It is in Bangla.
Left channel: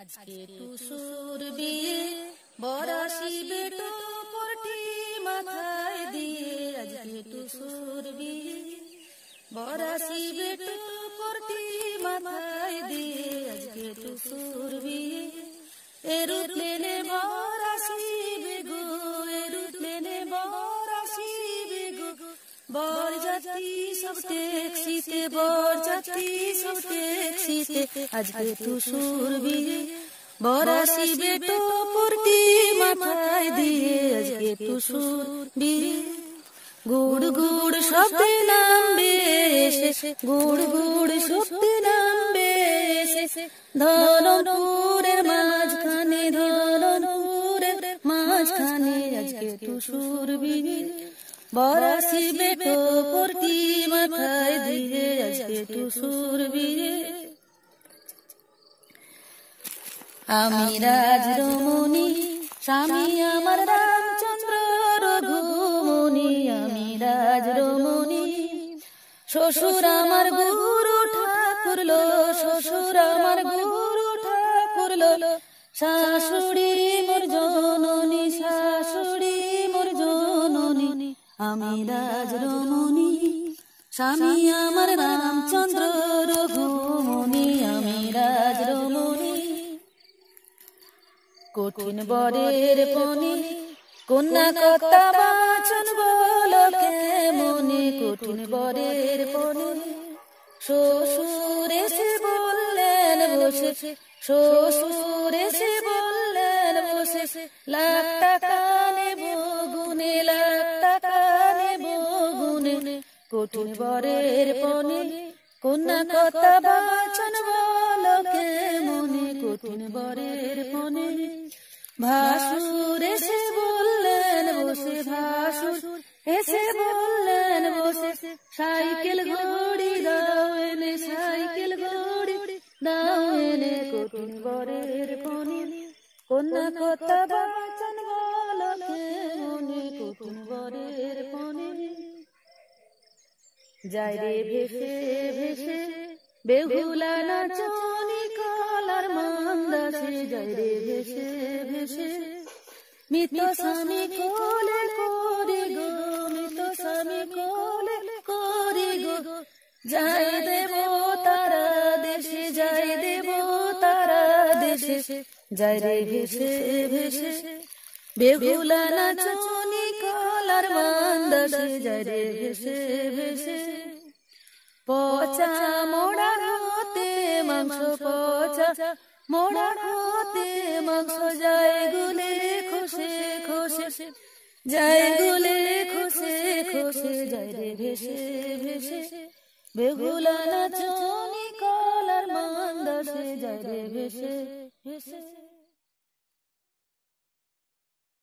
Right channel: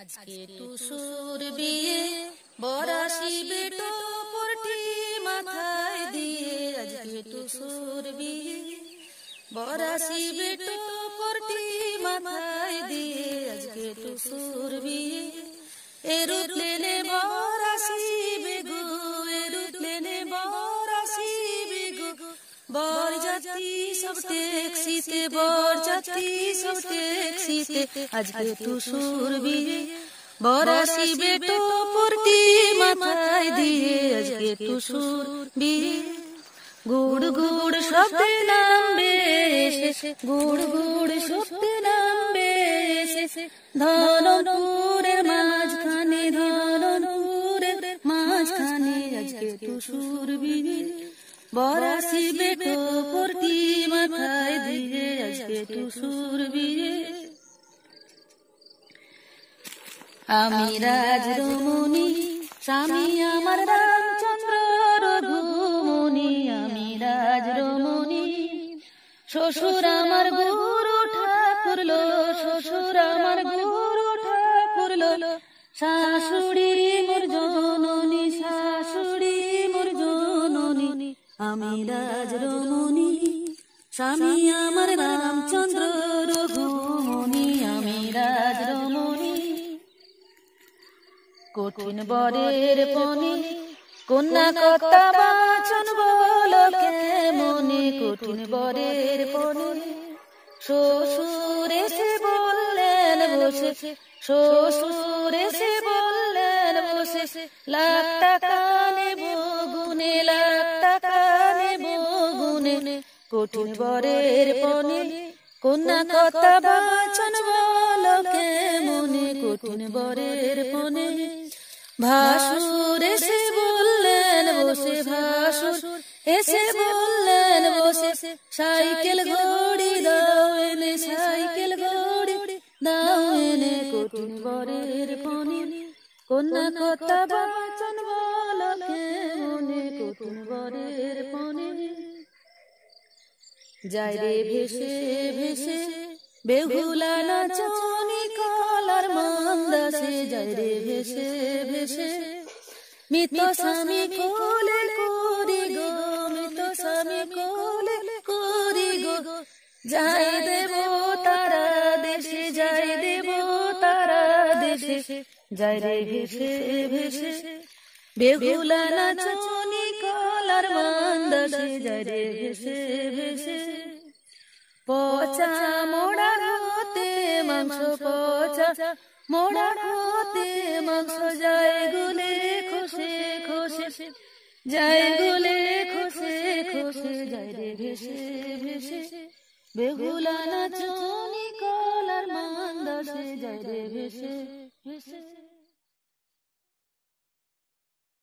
আজকে টুসুর বিয়ে বরাশি বেটো পরটি মাথায় দিয়ে, আজকে টুসুর বিয়ে বরাশি বেটো পরটি মাথায় দিয়ে, আজকে টুসুর বিয়ে এরোপ্লেনে বরাশি বেগু, এরোপ্লেনে বরাশি বেগু, বরযাত্রী সব ট্যাক্সিতে, বরযাত্রী সব ট্যাক্সিতে, আজকে টুসুর বিয়ে বরাশি বেটো পরটি মাথায় দিয়ে, আজকে টুসুর বিয়ে। গুড় গুড় শব্দে নামবে এসে, গুড় গুড় শব্দে নামবে এসে, ধনপুরের মাঝখানে, ধনপুরের মাঝখানে, আজকে টুসুর বিয়ে বরাশি বেটো পরটি মাথায় দিয়ে, আজকে টুসুর বিয়ে। আমি রাজ রমণী, স্বামী আমার রামচন্দ্র রঘুমণি, আমি রাজ রমণী, শ্বশুর আমার গুরু ঠাকুর লো, শ্বশুর আমার গুরু ঠাকুর লো, শাশুড়ি মোর জননী, শাশুড়ি মোর জননী, আমি রাজ রমণী, স্বামী আমার রামচন্দ্র রঘুমণি, আমি রাজ রমণী। কঠিন বরের পনে কন্যা কর্তা বাচন বলকে মনে, কঠিন বরের পনে শ্বশুর এসে বললেন বসে, শ্বশুর এসে বললেন বসে, লাখ টাকা নেব গুনে, লাখ টাকা নেব গুনে, কঠিন বরের পনে কন্যা কর্তা বাচন বলকে মনে, কঠিন বরের পনে ভাসুর এসে বললেন বসে, ভাসুর এসে বললেন বসে, সাইকেল ঘড়ি দাও এনে, সাইকেল ঘড়ি দাও এনে, কঠিন বরের পনে কন্যা কর্তা বাচন বলকে মনে, কঠিন বরের পনে। যায় রে ভেসে ভেসে বেহুলা নাচনি কলার মান্দাসে, যায় রে ভেসে ভেসে মৃত স্বামী কোলে করি গো, মৃত স্বামী কোলে করি গো, যাই দেব তারা দেশে, যাই দেব তারা দেশে, যায় রে ভেসে ভেসে বেহুলা নাচনি কলার মান্দাসে, যায় রে ভেসে ভেসে। পচা মোড়া হতে মাংস, পচা মোড়া হতে মাংস, যায় গুলে খসে খসে, যায় গুলে খসে খসে, যায় রে ভেসে ভেসে বেহুলা নাচনি কলার মান্দাসে, যায় রে ভেসে ভেসে।